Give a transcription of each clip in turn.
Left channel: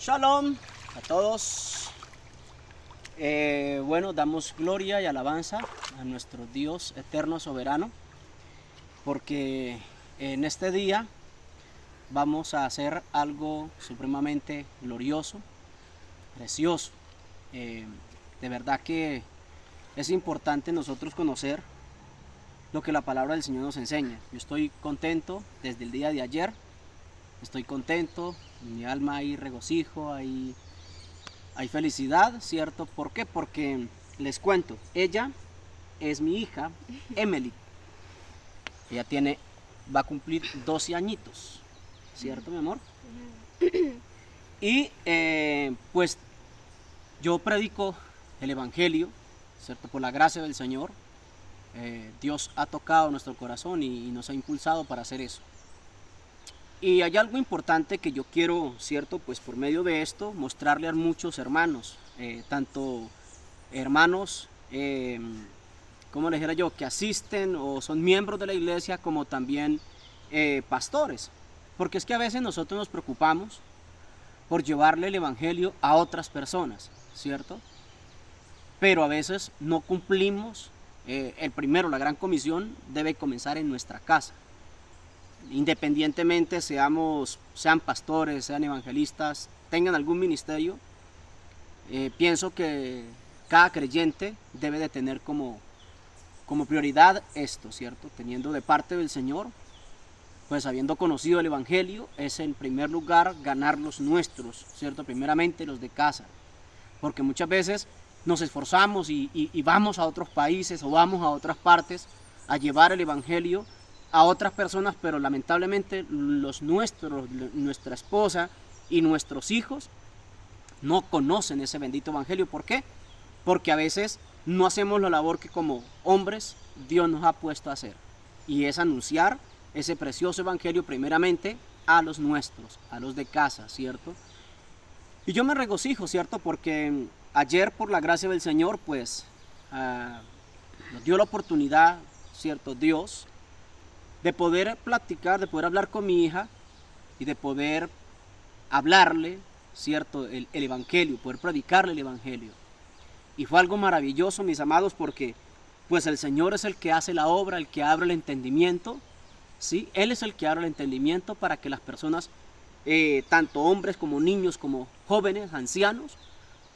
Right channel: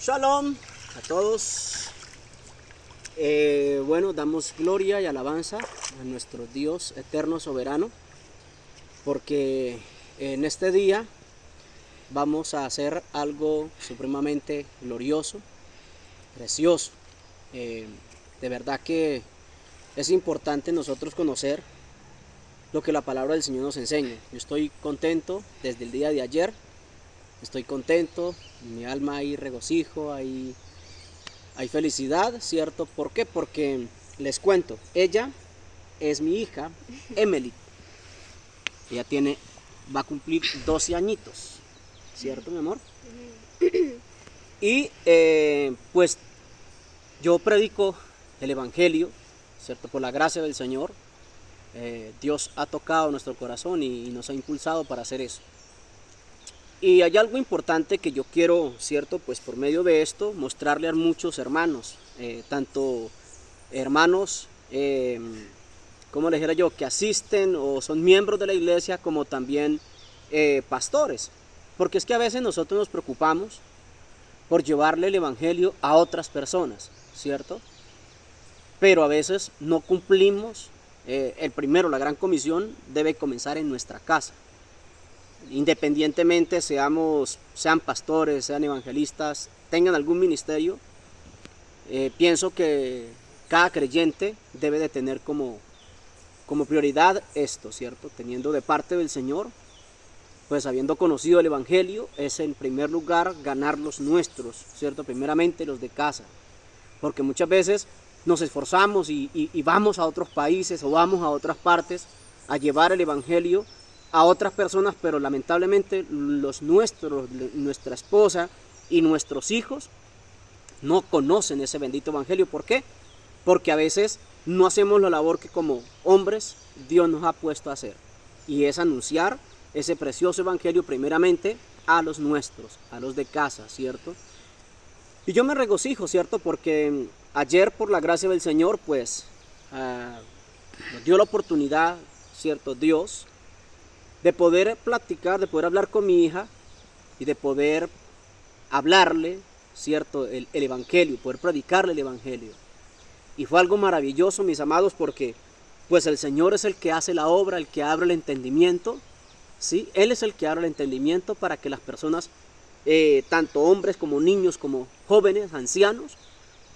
Shalom a todos. Damos gloria y alabanza a nuestro Dios eterno soberano, porque en este día vamos a hacer algo supremamente glorioso, precioso. De verdad que es importante nosotros conocer lo que la palabra del Señor nos enseña. Yo estoy contento desde el día de ayer. Estoy contento, en mi alma hay regocijo, hay felicidad, ¿cierto? ¿Por qué? Porque les cuento, ella es mi hija, Emily. Ella va a cumplir 12 añitos, ¿cierto, mi amor? Y pues yo predico el Evangelio, ¿cierto? Por la gracia del Señor, Dios ha tocado nuestro corazón y nos ha impulsado para hacer eso. Y hay algo importante que yo quiero, ¿cierto? Pues por medio de esto mostrarle a muchos hermanos, tanto hermanos, como les dijera yo, que asisten o son miembros de la iglesia, como también pastores. Porque es que a veces nosotros nos preocupamos por llevarle el evangelio a otras personas, ¿cierto? Pero a veces no cumplimos, la gran comisión debe comenzar en nuestra casa. Independientemente sean pastores, sean evangelistas, tengan algún ministerio, pienso que cada creyente debe de tener como prioridad esto, ¿cierto? Teniendo de parte del Señor, pues habiendo conocido el evangelio, es en primer lugar ganar los nuestros, ¿cierto? Primeramente los de casa, porque muchas veces nos esforzamos y vamos a otros países o vamos a otras partes a llevar el evangelio a otras personas, pero lamentablemente los nuestros, nuestra esposa y nuestros hijos no conocen ese bendito evangelio. ¿Por qué? Porque a veces no hacemos la labor que como hombres Dios nos ha puesto a hacer, y es anunciar ese precioso evangelio primeramente a los nuestros, a los de casa, ¿cierto? Y yo me regocijo, ¿cierto? Porque ayer, por la gracia del Señor, pues nos dio la oportunidad, ¿cierto? Dios, de poder platicar, de poder hablar con mi hija y de poder hablarle, ¿cierto? El evangelio, poder predicarle el evangelio. Y fue algo maravilloso, mis amados, porque pues el Señor es el que hace la obra, el que abre el entendimiento, ¿sí? Él es el que abre el entendimiento para que las personas, tanto hombres como niños, como jóvenes, ancianos,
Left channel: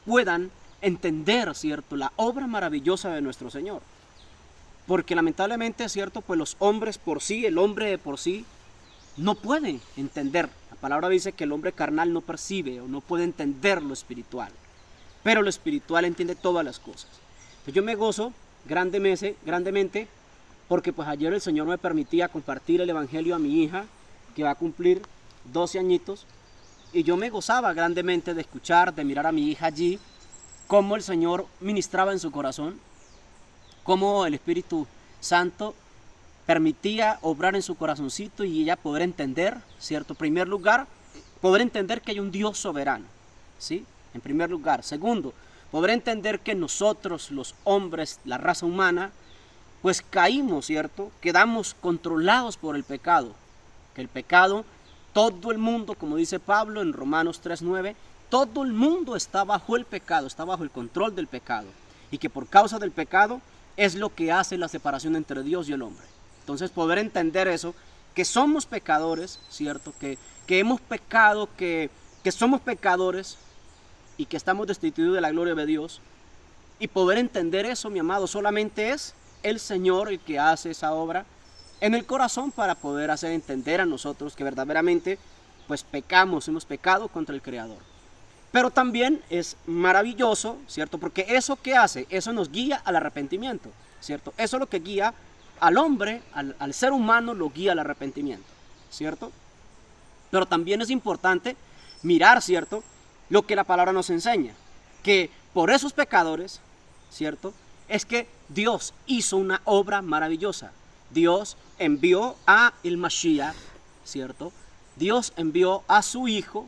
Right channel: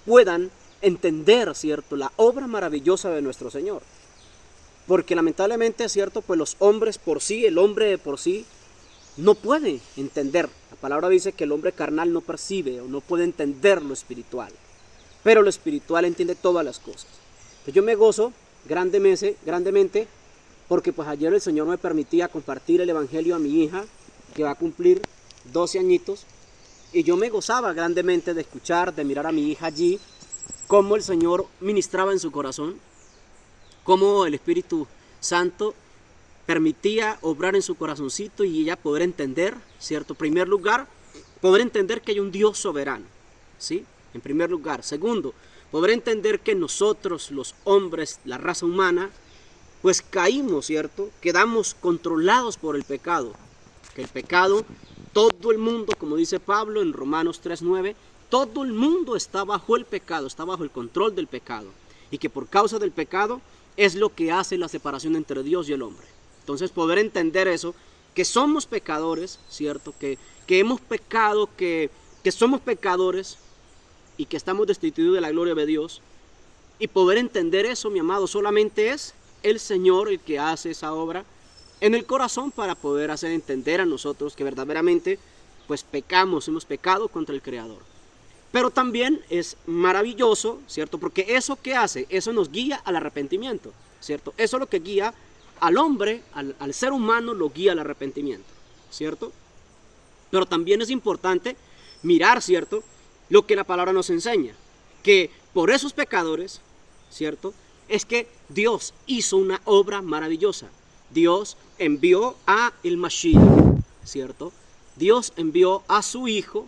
puedan entender, ¿cierto? La obra maravillosa de nuestro Señor. Porque lamentablemente, ¿cierto? Pues los hombres por sí, el hombre de por sí, no puede entender. La palabra dice que el hombre carnal no percibe o no puede entender lo espiritual. Pero lo espiritual entiende todas las cosas. Entonces yo me gozo grandemente porque pues ayer el Señor me permitía compartir el evangelio a mi hija, que va a cumplir 12 añitos. Y yo me gozaba grandemente de escuchar, de mirar a mi hija allí, cómo el Señor ministraba en su corazón, cómo el Espíritu Santo permitía obrar en su corazoncito y ella poder entender, ¿cierto? En primer lugar, poder entender que hay un Dios soberano, ¿sí? En primer lugar. Segundo, poder entender que nosotros, los hombres, la raza humana, pues caímos, ¿cierto? Quedamos controlados por el pecado. Que el pecado, todo el mundo, como dice Pablo en Romanos 3:9, todo el mundo está bajo el pecado, está bajo el control del pecado. Y que por causa del pecado es lo que hace la separación entre Dios y el hombre. Entonces poder entender eso, que somos pecadores, ¿cierto? Que hemos pecado, que somos pecadores y que estamos destituidos de la gloria de Dios. Y poder entender eso, mi amado, solamente es el Señor el que hace esa obra en el corazón para poder hacer entender a nosotros que verdaderamente pues pecamos, hemos pecado contra el Creador. Pero también es maravilloso, ¿cierto? Porque eso que hace, eso nos guía al arrepentimiento, ¿cierto? Eso es lo que guía al hombre, al ser humano, lo guía al arrepentimiento, ¿cierto? Pero también es importante mirar, ¿cierto? Lo que la palabra nos enseña, que por esos pecadores, ¿cierto? Es que Dios hizo una obra maravillosa. Dios envió a el Mashiach, ¿cierto? Dios envió a su Hijo.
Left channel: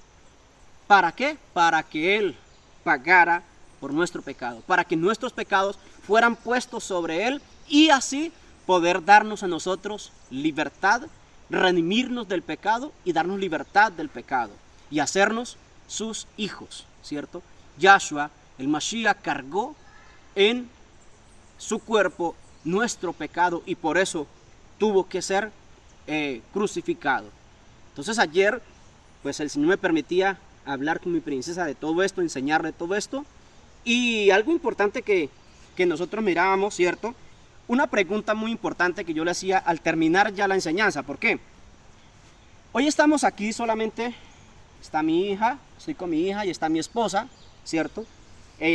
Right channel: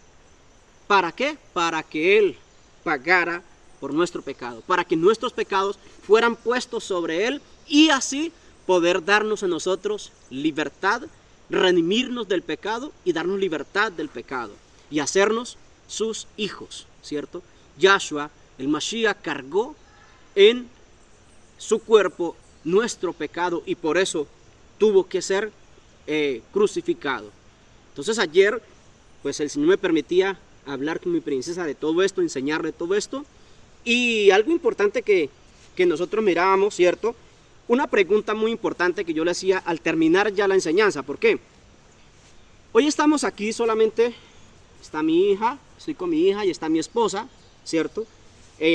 ¿Para qué? Para que Él pagara por nuestro pecado, para que nuestros pecados fueran puestos sobre Él y así poder darnos a nosotros libertad, redimirnos del pecado y darnos libertad del pecado y hacernos sus hijos, ¿cierto? Yahshua, el Mashiach, cargó en su cuerpo nuestro pecado y por eso tuvo que ser crucificado. Entonces ayer, pues el Señor me permitía hablar con mi princesa de todo esto, enseñarle todo esto. Y algo importante que nosotros mirábamos, ¿cierto? Una pregunta muy importante que yo le hacía al terminar ya la enseñanza. ¿Por qué? Hoy estamos aquí solamente, está mi hija, estoy con mi hija y está mi esposa, ¿cierto?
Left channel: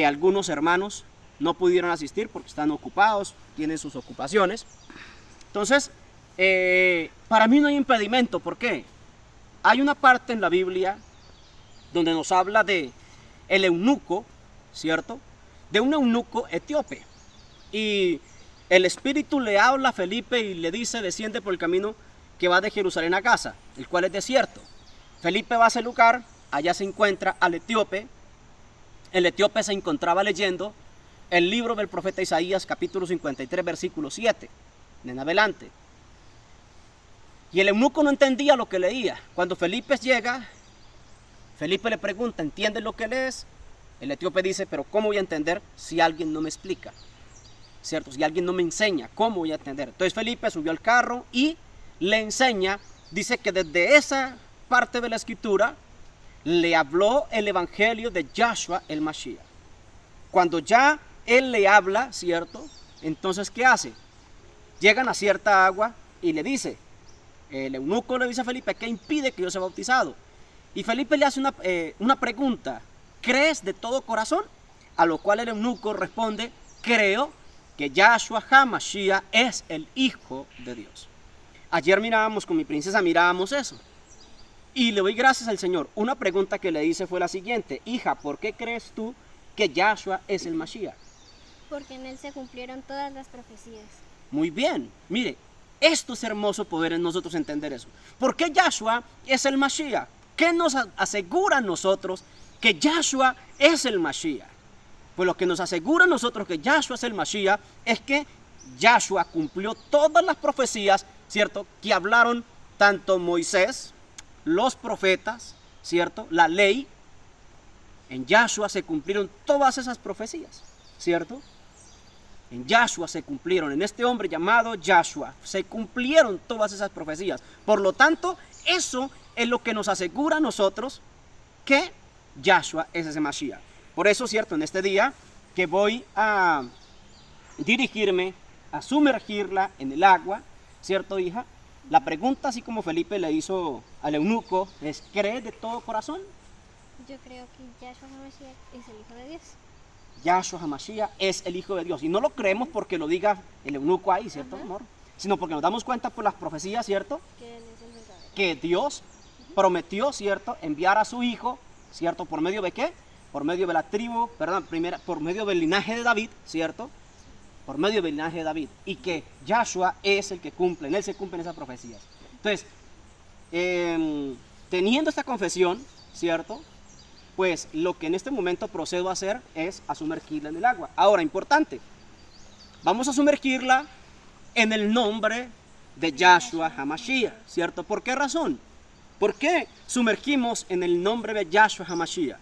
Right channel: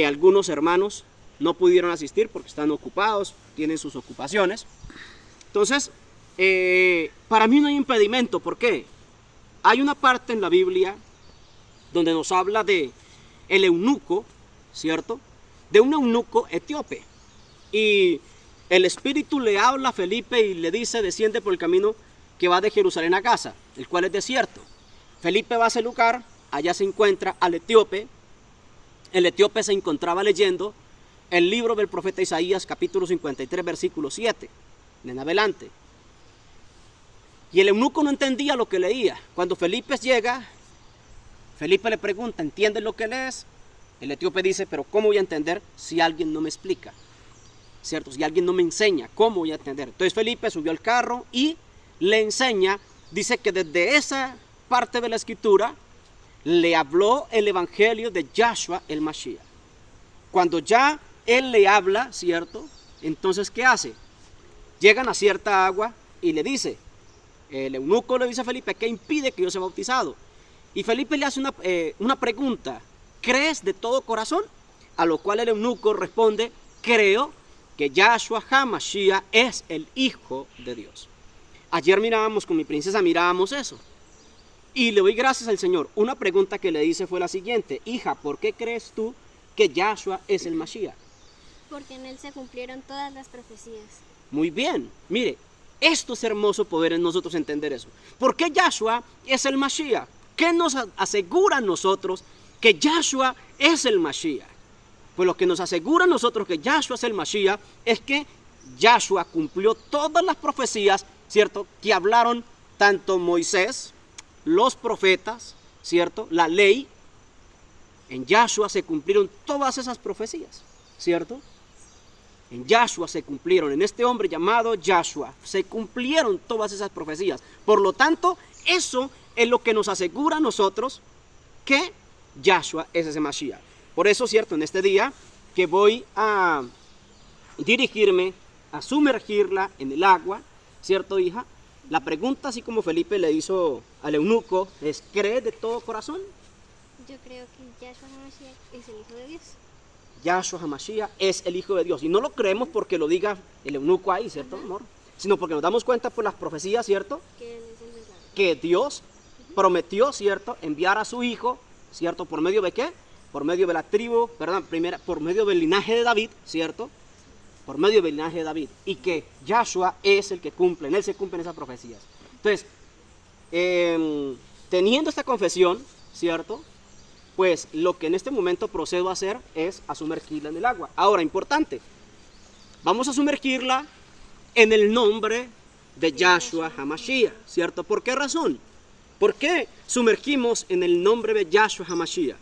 Algunos hermanos no pudieron asistir porque están ocupados, tienen sus ocupaciones. Entonces, para mí no hay impedimento. ¿Por qué? Hay una parte en la Biblia donde nos habla de el eunuco, ¿cierto? De un eunuco etíope. Y el Espíritu le habla a Felipe y le dice, desciende por el camino que va de Jerusalén a Gaza, el cual es desierto. Felipe va a ese lugar, allá se encuentra al etíope. El etíope se encontraba leyendo el libro del profeta Isaías, capítulo 53, versículo 7, en adelante. Y el eunuco no entendía lo que leía. Cuando Felipe llega, Felipe le pregunta, ¿entiendes lo que lees? El etíope dice, pero ¿cómo voy a entender si alguien no me explica? ¿Cierto? Si alguien no me enseña, ¿cómo voy a entender? Entonces Felipe subió al carro y le enseña, dice que desde esa parte de la escritura le habló el evangelio de Yahshua el Mashiach. Cuando ya él le habla, ¿cierto? Entonces, ¿qué hace? Llegan a cierta agua y le dice, el eunuco le dice a Felipe, ¿qué impide que yo sea bautizado? Y Felipe le hace una pregunta, ¿crees de todo corazón? A lo cual el eunuco responde, creo que Yahshua HaMashiach es el Hijo de Dios. Ayer mirábamos con mi princesa, mirábamos eso. Y le doy gracias al Señor. Una pregunta que le hice fue la siguiente, hija, ¿por qué crees tú que Yahshua es el Mashiach? Porque en él se cumplieron todas las profecías. Muy bien, mire, esto es hermoso poder en nosotros entender eso. ¿Por qué Yahshua es el Mashiach? ¿Qué nos asegura a nosotros que Yahshua es el Mashiach? Pues lo que nos asegura a nosotros que Yahshua es el Mashiach es que Yahshua cumplió todas las profecías, ¿cierto? Que hablaron tanto Moisés, los profetas, ¿cierto? La ley. En Yahshua se cumplieron todas esas profecías, ¿cierto? En Yahshua se cumplieron, en este hombre llamado Yahshua, se cumplieron todas esas profecías. Por lo tanto, eso es lo que nos asegura a nosotros que Yahshua es ese Mashiach. Por eso, ¿cierto? En este día que voy a dirigirme a sumergirla en el agua, ¿cierto, hija? La pregunta, así como Felipe le hizo al eunuco, es, ¿crees de todo corazón? Yo creo que Yahshua HaMashiach es el Hijo de Dios. Yahshua HaMashiach es el Hijo de Dios. Y no lo creemos porque lo diga el eunuco ahí, ¿cierto, amor? Sino porque nos damos cuenta por las profecías, ¿cierto? Que él es el verdadero. Que Dios prometió, ¿cierto? Enviar a su Hijo, ¿cierto? ¿Por medio de qué? Por medio de la tribu, perdón, por medio del linaje de David, ¿cierto? Por medio del linaje de David. Y que Yahshua es el que cumple, en él se cumplen esas profecías. Entonces, teniendo esta confesión, ¿cierto? Pues lo que en este momento procedo a hacer es a sumergirla en el agua. Ahora, importante, vamos a sumergirla en el nombre de Yahshua HaMashiach, ¿cierto? ¿Por qué razón? ¿Por qué sumergimos en el nombre de Yahshua HaMashiach?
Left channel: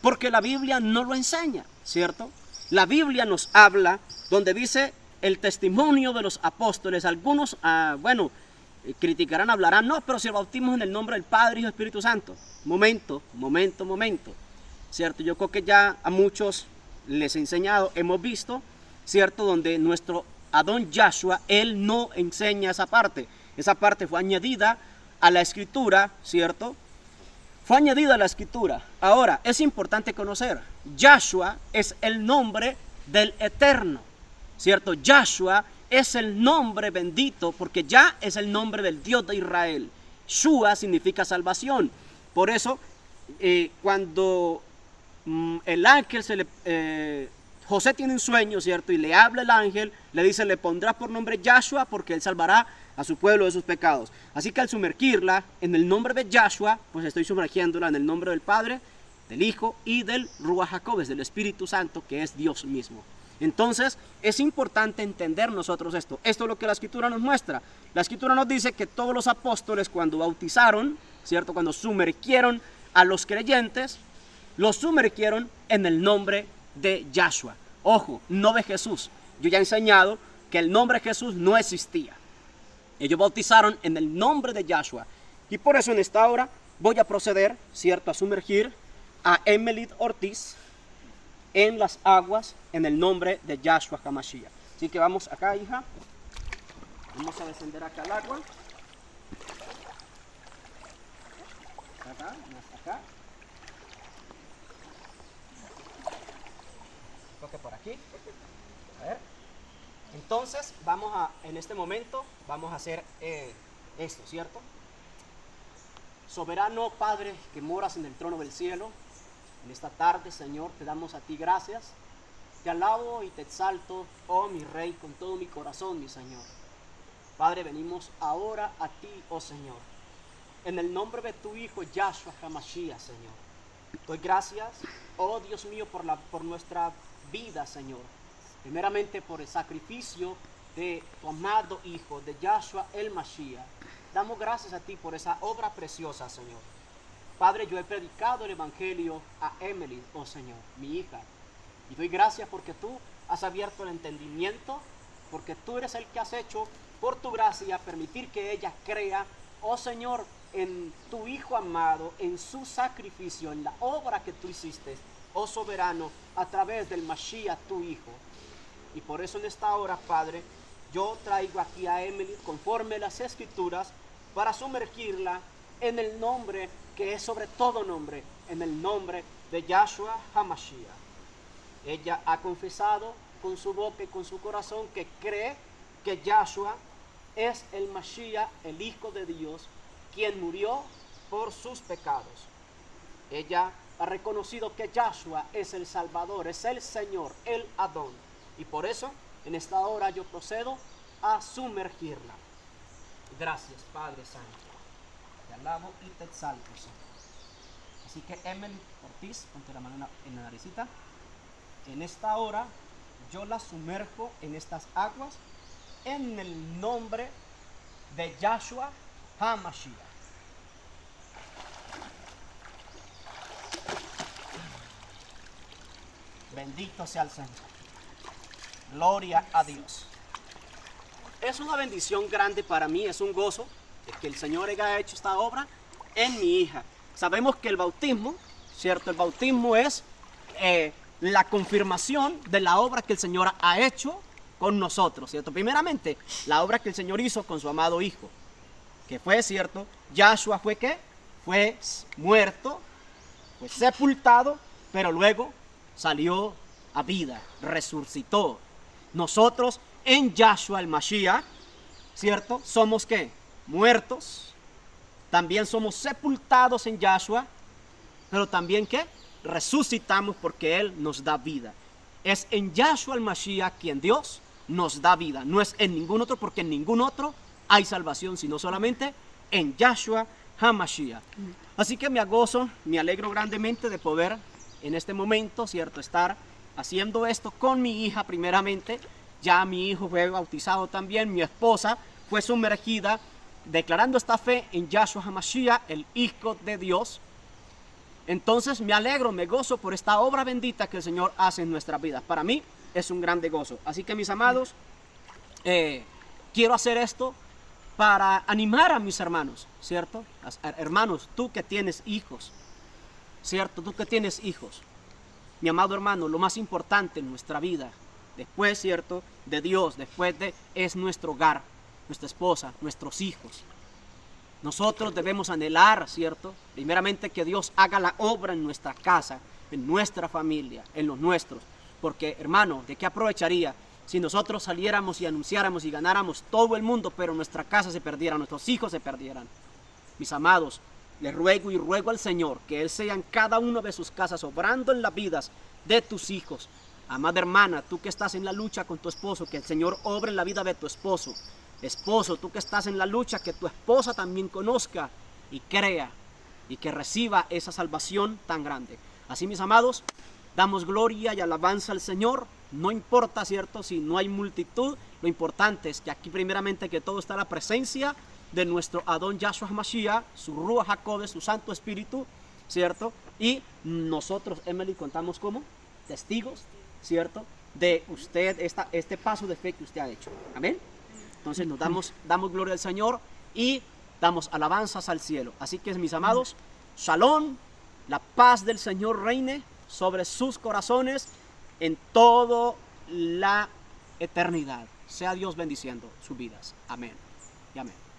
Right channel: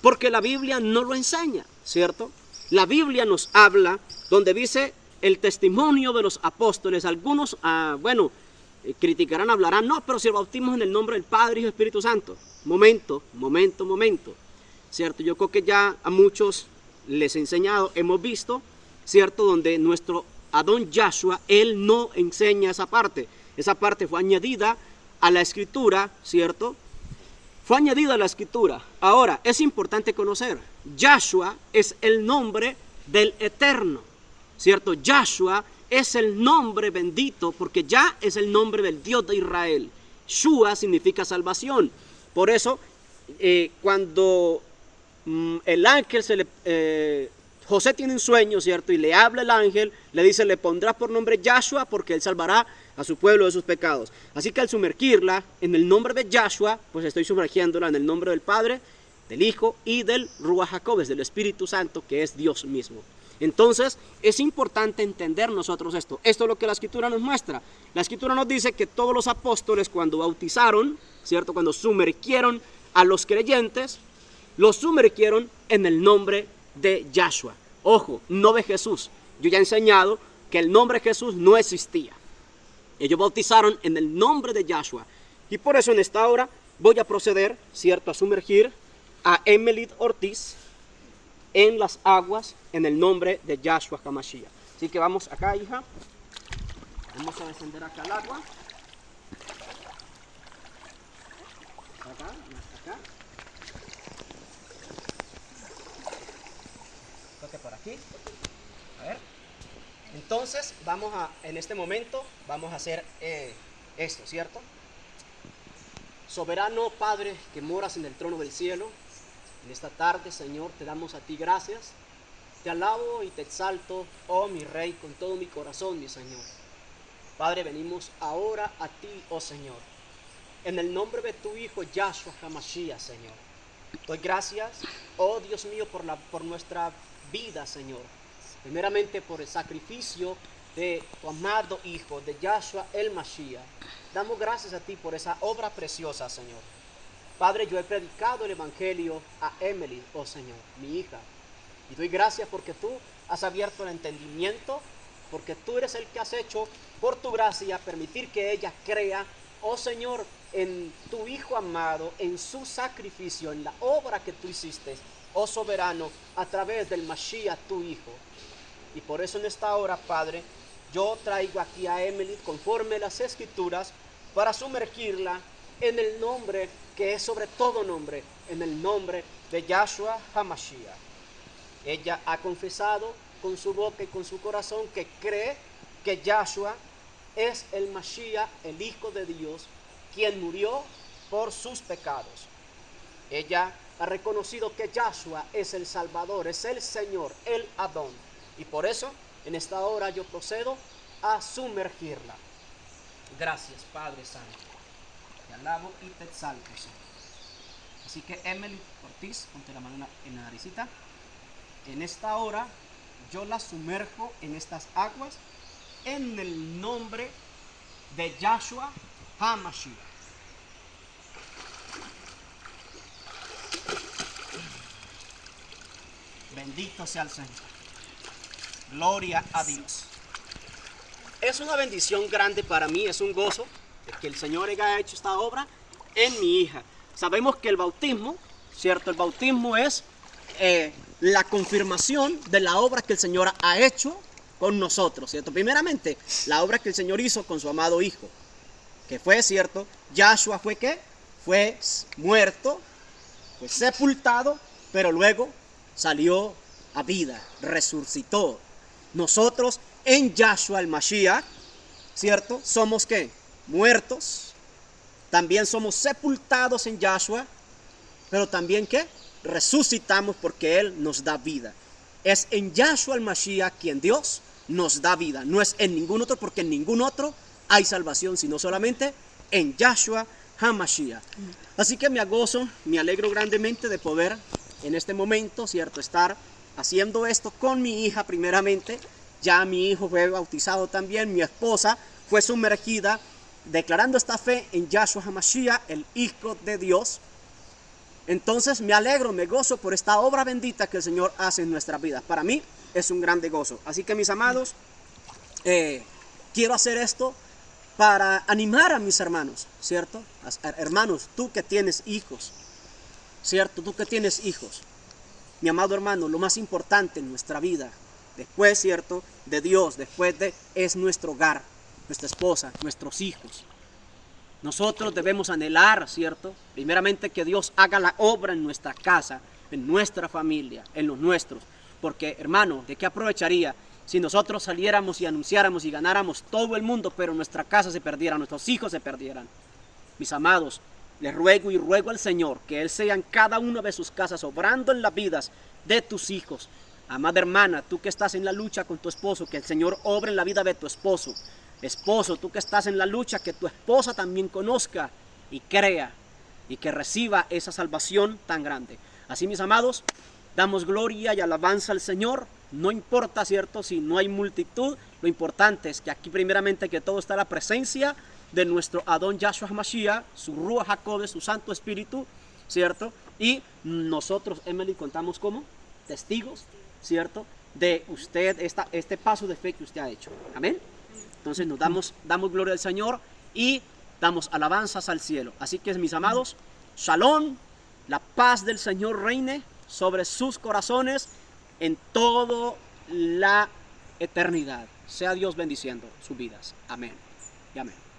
Porque la Biblia no lo enseña, ¿cierto? La Biblia nos habla donde dice el testimonio de los apóstoles. Algunos, criticarán, hablarán, no, pero si el bautismo en el nombre del Padre, Hijo y Espíritu Santo. Momento, ¿cierto? Yo creo que ya a muchos les he enseñado, hemos visto, ¿cierto? Donde nuestro Adón Yahshua, él no enseña esa parte. Esa parte fue añadida a la Escritura, ¿cierto? Fue añadida a la Escritura. Ahora, es importante conocer, Yahshua es el nombre del Eterno, ¿cierto? Yahshua es el nombre bendito porque ya es el nombre del Dios de Israel. Shua significa salvación. Por eso, cuando el ángel José tiene un sueño, ¿cierto? Y le habla el ángel, le dice, le pondrás por nombre Yahshua porque él salvará a su pueblo de sus pecados. Así que al sumergirla en el nombre de Yahshua, pues estoy sumergiéndola en el nombre del Padre, del Hijo y del Ruach HaKodesh, del Espíritu Santo, que es Dios mismo. Entonces, es importante entender nosotros esto. Esto es lo que la Escritura nos muestra. La Escritura nos dice que todos los apóstoles cuando bautizaron, ¿cierto? Cuando sumergieron a los creyentes, los sumergieron en el nombre de Yahshua. Ojo, no de Jesús. Yo ya he enseñado que el nombre de Jesús no existía. Ellos bautizaron en el nombre de Yahshua. Y por eso en esta hora voy a proceder, ¿cierto?, a sumergir a Emily Ortiz en las aguas en el nombre de Yahshua HaMashiach. Así que vamos acá, hija. Vamos a descender acá al agua. Acá, hasta acá. Toque por aquí. A ver. Entonces, en este momento, vamos a hacer esto, ¿cierto? Soberano Padre que moras en el trono del cielo, en esta tarde, Señor, te damos a ti gracias. Te alabo y te exalto, oh mi Rey, con todo mi corazón, mi Señor. Padre, venimos ahora a ti, oh Señor, en el nombre de tu Hijo, Yahshua HaMashiach, Señor. Doy gracias, oh Dios mío, por nuestra vida, Señor. Primeramente por el sacrificio de tu amado Hijo, de Yahshua el Mashiach. Damos gracias a ti por esa obra preciosa, Señor. Padre, yo he predicado el Evangelio a Emily, oh Señor, mi hija. Y doy gracias porque tú has abierto el entendimiento, porque tú eres el que has hecho, por tu gracia, permitir que ella crea, oh Señor, en tu Hijo amado, en su sacrificio, en la obra que tú hiciste, oh soberano, a través del Mashiach, tu Hijo. Y por eso en esta hora, Padre, yo traigo aquí a Emily, conforme las Escrituras, para sumergirla en el nombre que es sobre todo nombre, en el nombre de Yahshua HaMashiach. Ella ha confesado con su boca y con su corazón que cree que Yahshua es el Mashiach, el Hijo de Dios, quien murió por sus pecados. Ella ha reconocido que Yahshua es el Salvador, es el Señor, el Adón. Y por eso, en esta hora yo procedo a sumergirla. Gracias, Padre Santo. Te alabo y te exalto, Señor. Así que Emily Ortiz, ponte la mano en la naricita. En esta hora yo la sumerjo en estas aguas en el nombre de Yahshua HaMashiach. Bendito sea el Señor. Gloria a Dios. Es una bendición grande para mí, es un gozo de que el Señor haya hecho esta obra en mi hija. Sabemos que el bautismo, ¿cierto? El bautismo es la confirmación de la obra que el Señor ha hecho con nosotros, ¿cierto? Primeramente, la obra que el Señor hizo con su amado Hijo, que fue, ¿cierto? Yahshua fue ¿qué? Fue muerto, fue sepultado, pero luego salió a vida, resucitó. Nosotros en Yahshua el Mashiach, ¿cierto? Somos ¿qué? Muertos. También somos sepultados en Yahshua, pero también ¿qué? Resucitamos porque Él nos da vida. Es en Yahshua el Mashiach quien Dios nos da vida. No es en ningún otro, porque en ningún otro hay salvación, sino solamente en Yahshua HaMashiach. Así que me gozo, me alegro grandemente de poder en este momento, ¿cierto? Estar haciendo esto con mi hija primeramente. Ya mi hijo fue bautizado también, mi esposa fue sumergida, declarando esta fe en Yahshua HaMashiach, el Hijo de Dios. Entonces me alegro, me gozo por esta obra bendita que el Señor hace en nuestras vidas. Para mí es un grande gozo. Así que mis amados, quiero hacer esto para animar a mis hermanos, ¿cierto? Hermanos, tú que tienes hijos, ¿cierto? Tú que tienes hijos. Mi amado hermano, lo más importante en nuestra vida, después, ¿cierto?, de Dios, es nuestro hogar, nuestra esposa, nuestros hijos. Nosotros debemos anhelar, ¿cierto?, primeramente que Dios haga la obra en nuestra casa, en nuestra familia, en los nuestros. Porque, hermano, ¿de qué aprovecharía si nosotros saliéramos y anunciáramos y ganáramos todo el mundo, pero nuestra casa se perdiera, nuestros hijos se perdieran? Mis amados, les ruego y ruego al Señor que Él sea en cada una de sus casas, obrando en las vidas de tus hijos. Amada hermana, tú que estás en la lucha con tu esposo, que el Señor obre en la vida de tu esposo. Esposo, tú que estás en la lucha, que tu esposa también conozca y crea y que reciba esa salvación tan grande. Así, mis amados, damos gloria y alabanza al Señor. No importa, ¿cierto?, si no hay multitud, lo importante es que aquí primeramente que todo está la presencia de nuestro Adón Yahshua HaMashiach, su Ruach HaKodesh, su Santo Espíritu, ¿cierto? Y nosotros, Emily, contamos como testigos, ¿cierto? De usted, este paso de fe que usted ha hecho. Amén. Entonces nos damos gloria al Señor y damos alabanzas al cielo. Así que, mis amados, shalom, la paz del Señor reine sobre sus corazones en toda la eternidad. Sea Dios bendiciendo sus vidas. Amén y amén.